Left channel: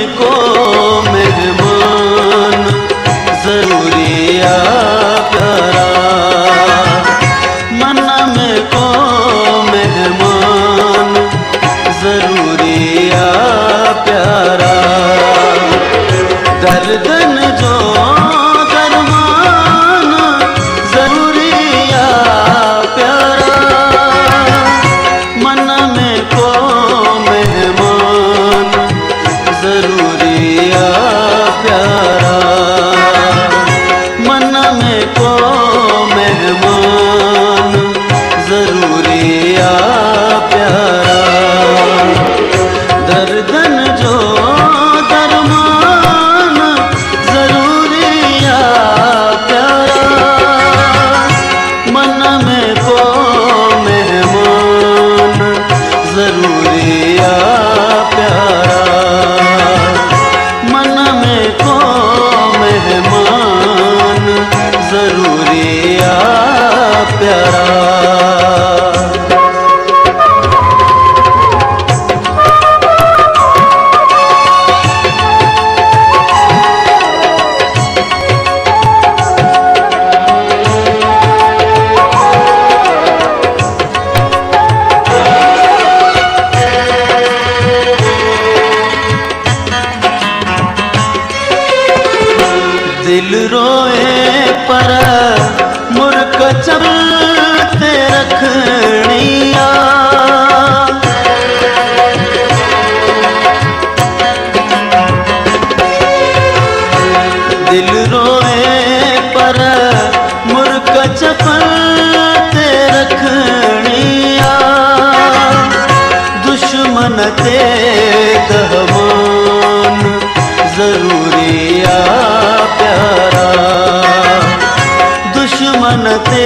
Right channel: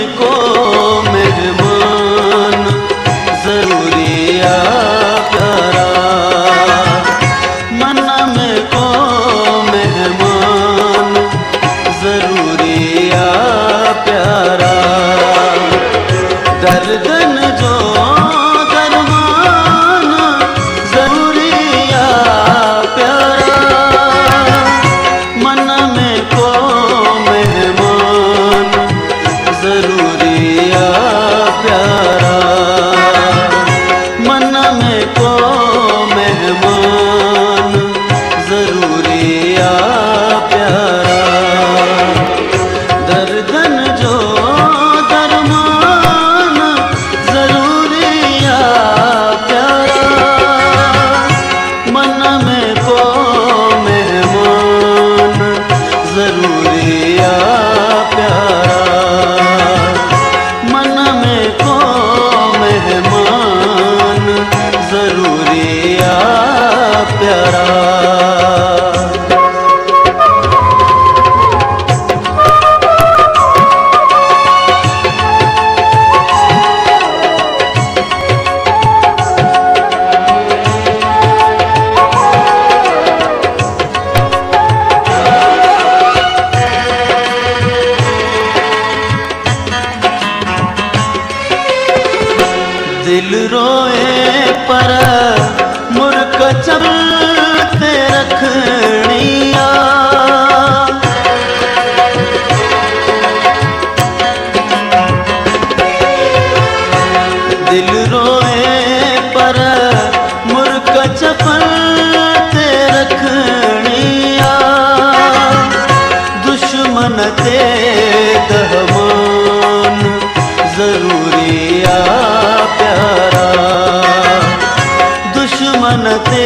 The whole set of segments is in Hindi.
में को मेहमान जरूरी आ प्यारा, मन में को मेहमान जरूरी आ प्यारा। दर्दन जो दरमान जरूरी आ प्यारा, मन में को मेहमान जरूरी आ प्यारा, मन में को मेहमान जरूरी आ प्यारा। दर्दन जो दरमान जरूरी आ प्यारा, मन में को मेहमान जरूरी आ प्यारा, मन में को मेहमान जरूरी आ प्यारा। दिल रोए पर मुर्क चलते रखनिया, दिल रोए पर मुर्क चलते रखनिया, दुश्मन ते दहमान जरूरी आ प्यारा, दुश्मन ते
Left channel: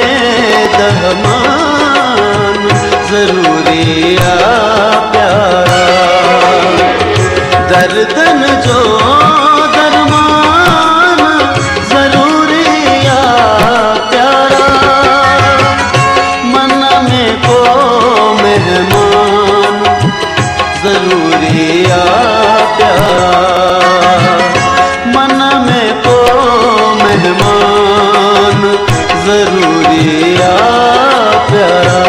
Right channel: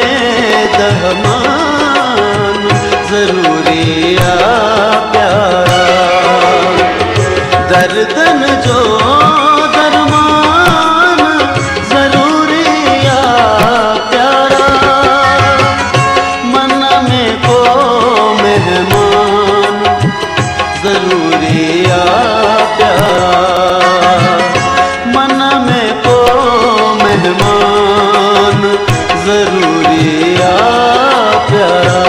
दहमान जरूरी आ प्यारा। दर्दन जो दरमान जरूरी आ प्यारा, मन में को मेहमान जरूरी आ प्यारा, मन में को मेहमान जरूरी आ प्यारा।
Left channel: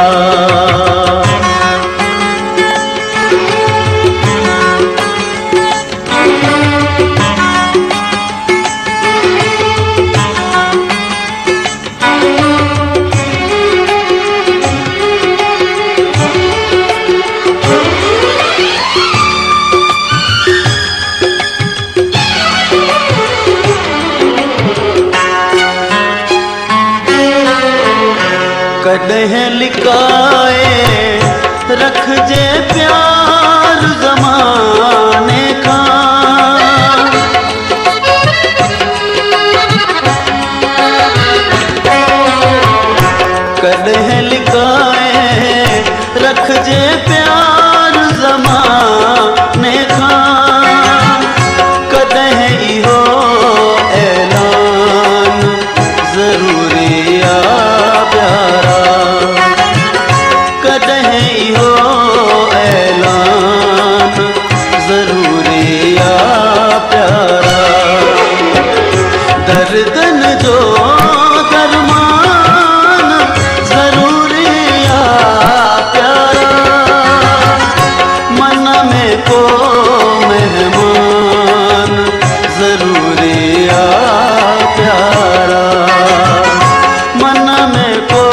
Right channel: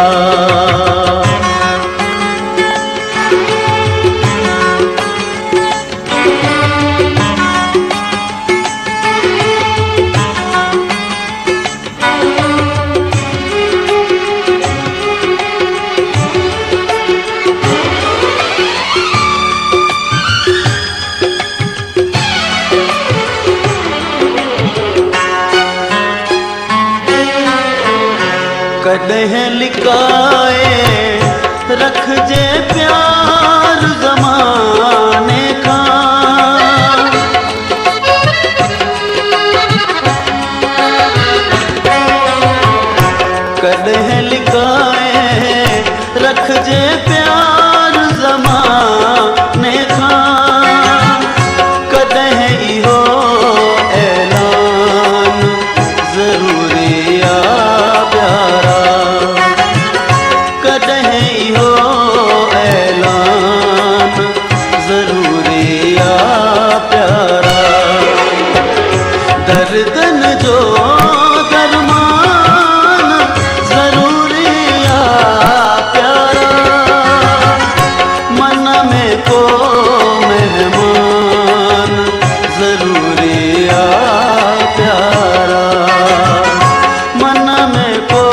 कदह लिकाए रख जे प्यार ज़माने का, कदह लिकाए रख जे प्यार ज़माने का, कदह इहो ऐलान जरूरी आ प्यारा, कदह इहो ऐलान जरूरी आ प्यारा। दर्दन जो दरमान जरूरी आ प्यारा, मन में को मेहमान जरूरी आ प्यारा, मन में को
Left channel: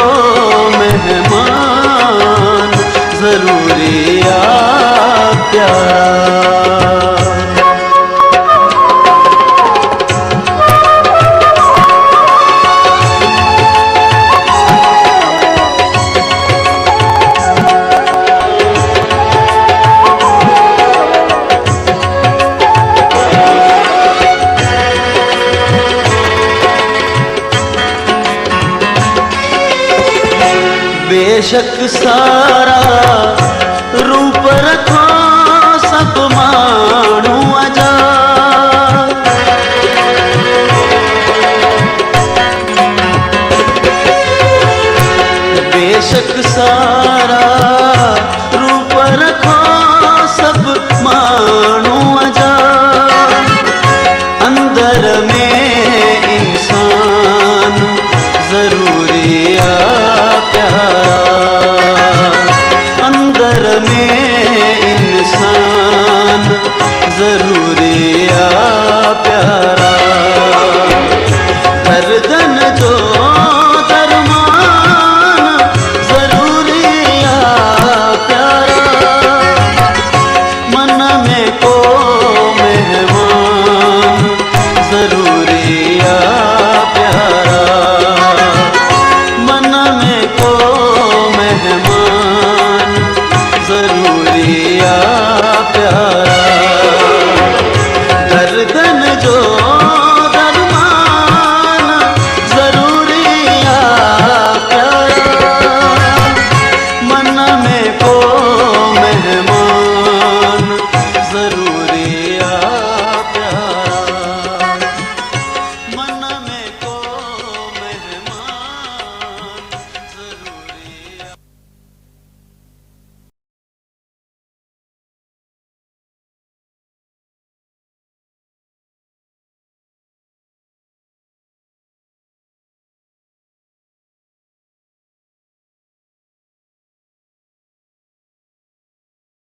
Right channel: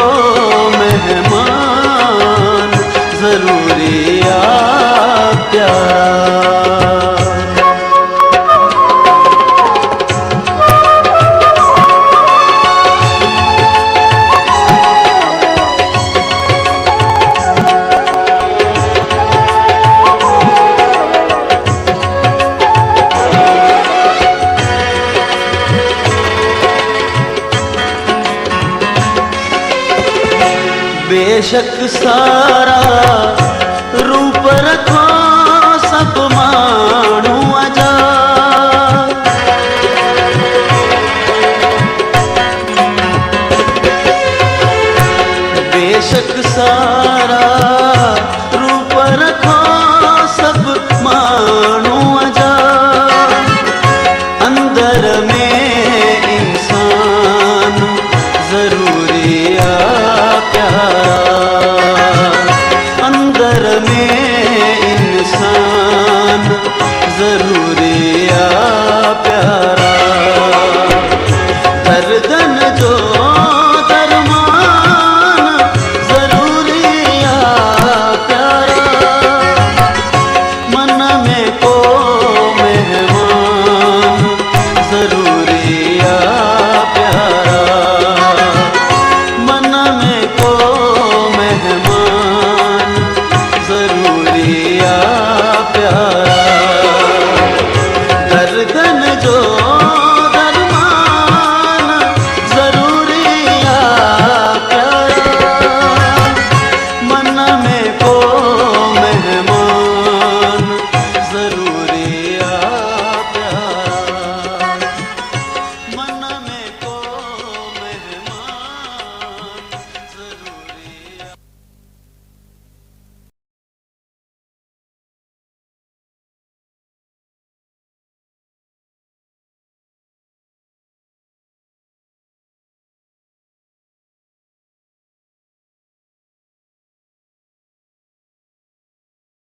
मेहमान जरूरी आ प्यारा। बेशक सारा रूप रखो सब मानू अजा, बेशक सारा रूप रखो सब मानू अजा, जरूरी आ प्यारा। हर धन जो दरमान जरूरी आ प्यारा। मन में को मेहमान